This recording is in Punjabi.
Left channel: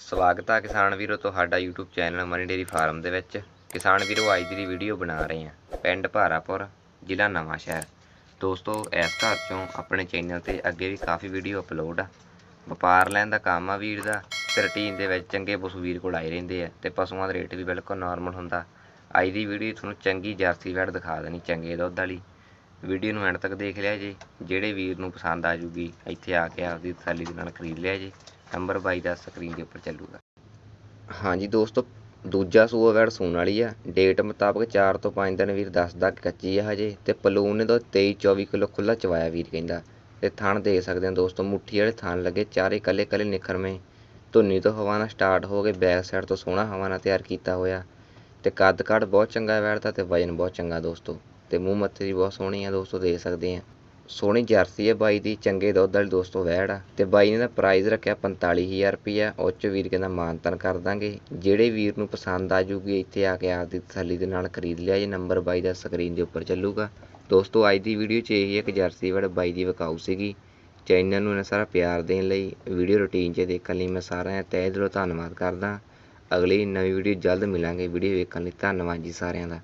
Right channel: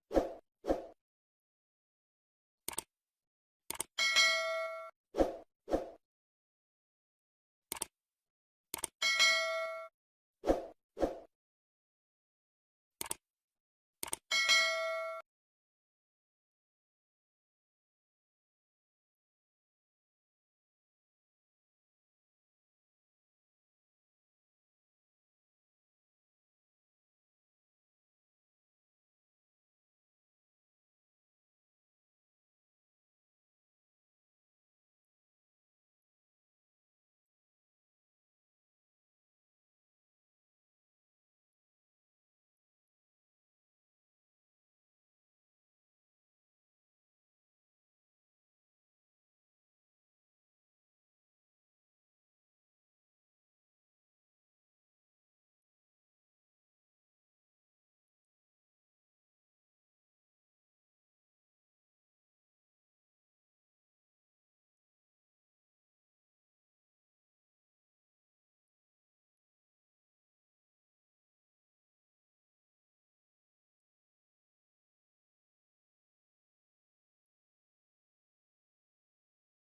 ਸਵਾਗਤ ਆ ਕਿਸਾਨ ਵੀਰੋ ਤੁਹਾਡਾ YouTube channel Mani dairy farm ਦੇ ਵਿੱਚ। ਕਿਸਾਨ ਵੀਰੋ, ਅੱਜ ਦੀ ਵੀਡੀਓ ਬਣਾ ਰਹੇ ਹਾਂ ਪਿੰਡ ਭਾਰਾਪੁਰ, ਜ਼ਿਲ੍ਹਾ ਨਵਾਂ ਸ਼ਹਿਰ। ਦੋਸਤੋ, ਇਸ ਘਰ ਚੋਂ ਆਪਣੇ ਚੈਨਲ ਤੇ ਅੱਗੇ ਵੀ ਕਾਫੀ ਵੀਡੀਓ ਅਪਲੋਡ ਆ। ਵਪਾਰ ਲੈਣ ਦਾ ਕੰਮ ਆ ਵੀਰ ਦਾ, ਤੇ ਰੂਟੀਨ ਦੇ ਵਿੱਚ ਚੰਗੇ ਪਸ਼ੂ ਵੀਰ ਕੋਲ ਆਏ ਰਹਿੰਦੇ ਆ, ਤੇ ਪਸ਼ੂਆਂ ਦਾ ਰੇਟ ਵੀ ਬਿਲਕੁਲ ਨਾਰਮਲ ਹੁੰਦਾ। ਅੱਜ ਦੀ ਵੀਡੀਓ ਤੁਹਾਨੂੰ ਚੰਗੀ ਜਰਸੀ ਵੈੜ ਦਿਖਾ ਦੇਣੀ, ਚੰਗੇ ਦੁੱਧ ਵਾਲੀ। ਵੀਡੀਓ ਨੂੰ ਐਂਡ ਤੱਕ ਦੇਖ ਲਿਆ ਜੀ, ਜਿਹੜੇ ਵੀਰ ਨੂੰ ਪਸੰਦ ਆ ਜੂਗੀ, ਇੱਥੇ ਆ ਕੇ ਆਪਦੀ ਤਸੱਲੀ ਦੇ ਨਾਲ ਖਰੀਦ ਲਿਆ ਜੀ। ਨੰਬਰ 22 ਦਾ ਸਕਰੀਨ ਦੇ ਉੱਪਰ ਚੱਲੂਗਾ। ਹਾਂਜੀ ਦੋਸਤੋ, ਦੂਜਾ ਸੂਆ ਵੈੜ ਸੂਣ ਵਾਲੀ ਆ। ਡੇਟ ਮੁਤਾਬਕ 4 ਤੋਂ 5 ਦਿਨ ਵੀਰ ਦੱਸਦਾ ਕਿ ਕੱਚੀ ਆ ਹਜੇ ਤੇ ਪਲੂਨ ਨੇ ਤਾਂ 23 24 ਕਿਲੋ ਖੁੱਲਾ ਚਵਾਇਆ ਵੀਰ ਕਹਿੰਦਾ। ਤੇ ਥਣ ਦੇਖ ਸਕਦੇ ਆ ਦੋਸਤੋ, ਮੁੱਠੀ ਵਾਲੇ ਥਣ ਲੱਗੇ ਚਾਰੇ ਕੱਲੇ ਕੱਲੇ ਨਿਖਰਵੇਂ ਧੁੰਨੀ ਤੋਂ ਹਵਾ ਨਾਲ ਸਟਾਰਟ ਹੋ ਕੇ ਬੈਕ ਸਾਈਡ ਤੋਂ ਸੋਹਣਾ ਹਵਾ ਨਾਲ ਤਿਆਰ ਕੀਤਾ ਹੋਇਆ। ਤੇ ਕੱਦ ਕੱਦ ਬਹੁਤ ਚੰਗਾ ਵੈੜ ਦਾ ਤੇ ਵਜਨ ਬਹੁਤ ਚੰਗਾ ਦੋਸਤੋ। ਤੇ ਮੂੰਹ ਮੱਥੇ ਦੀ ਬਹੁਤ ਸੋਹਣੀ ਆ ਦੋਸਤੋ, ਦੇਖ ਸਕਦੇ ਆ। ਸੋਹਣੀ ਜਰਸੀ ਹੈ ਬਾਈ ਦੀ, ਚੰਗੇ ਦੁੱਧ ਵਾਲੀ ਦੋਸਤੋ ਵੈੜ ਆ। ਤੇ ਬਾਈ ਨੇ ਦਾ ਪ੍ਰਾਈਜ਼ ਰੱਖਿਆ 45000 ਰੁਪਿਆ ਉਹ 'ਚ ਵੀਰ ਕਹਿੰਦਾ ਮਾਨਤਨ ਕਰ ਦਾਂਗੇ। ਜਿਹੜੇ ਵੀਰ ਨੂੰ ਪਸੰਦ ਆ ਜੂਗੀ, ਇੱਥੇ ਆ ਕੇ ਆਪਦੀ ਤਸੱਲੀ ਦੇ ਨਾਲ ਖਰੀਦ ਲਿਆ, ਜੇ ਨੰਬਰ ਬਾਈ ਦਾ ਸਕਰੀਨ ਦੇ ਉੱਪਰ ਚੱਲੂਗਾ। ਦੋਸਤੋ, ਅੱਜ ਦੀ ਵੀਡੀਓ 'ਚ ਇਹੀ ਇੱਕ ਜਰਸੀ ਵੈੜ ਬਾਈ ਦੀ ਵਿਕਾਊ ਸੀਗੀ। ਚੈਨਲ ਨੂੰ ਇਹਨਾਂ ਸਾਰਾ ਪਿਆਰ ਦੇਣ ਲਈ ਵੀਡੀਓ ਰੁਟੀਨ 'ਚ ਦੇਖਣ ਲਈ ਮੈਂ ਸਾਰਿਆਂ ਦਾ ਤਹਿ ਦਿਲੋਂ ਧੰਨਵਾਦ ਕਰਦਾ। ਅਗਲੀ ਨਵੀਂ ਵੀਡੀਓ ਜਲਦ ਮਿਲਾਂਗੇ। ਵੀਡੀਓ ਵੇਖਣ ਲਈ ਧੰਨਵਾਦ ਜੀ ਸਾਰਿਆਂ ਦਾ।